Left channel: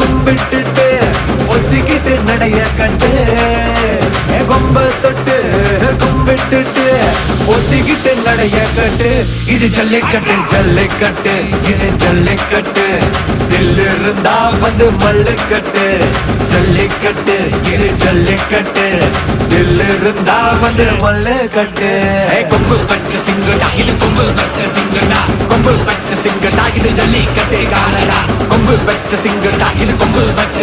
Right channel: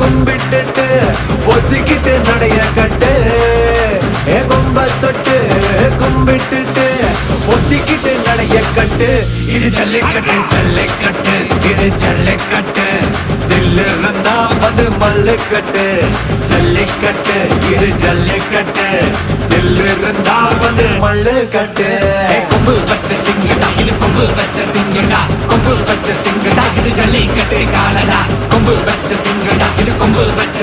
கும்பிட்டுட்டு ஒத்திக்கிட்டு நடைய கட்டு கொம்ப தொட்டு கும்பிட்டுட்டு ஒத்திக்கிட்டு நடைய கட்டு இது ஜல்லிக்கட்டு ஜல்லிக்கட்டு இது ஜல்லிக்கட்டு தில்லு இருந்தா வந்து மல்லுக்கட்டு ஜல்லிக்கட்டு இது ஜல்லிக்கட்டு தில்லு இருந்தா வந்து மல்லுக்கட்டு கொம்பு வச்ச சிங்கடா இது கொம்பு வச்ச சிங்கடா கொம்பு வச்ச சிங்கடா இது ஜல்லிக்கட்டு காலடா கொம்பு வச்ச சிங்கடா இது கொம்பு வச்ச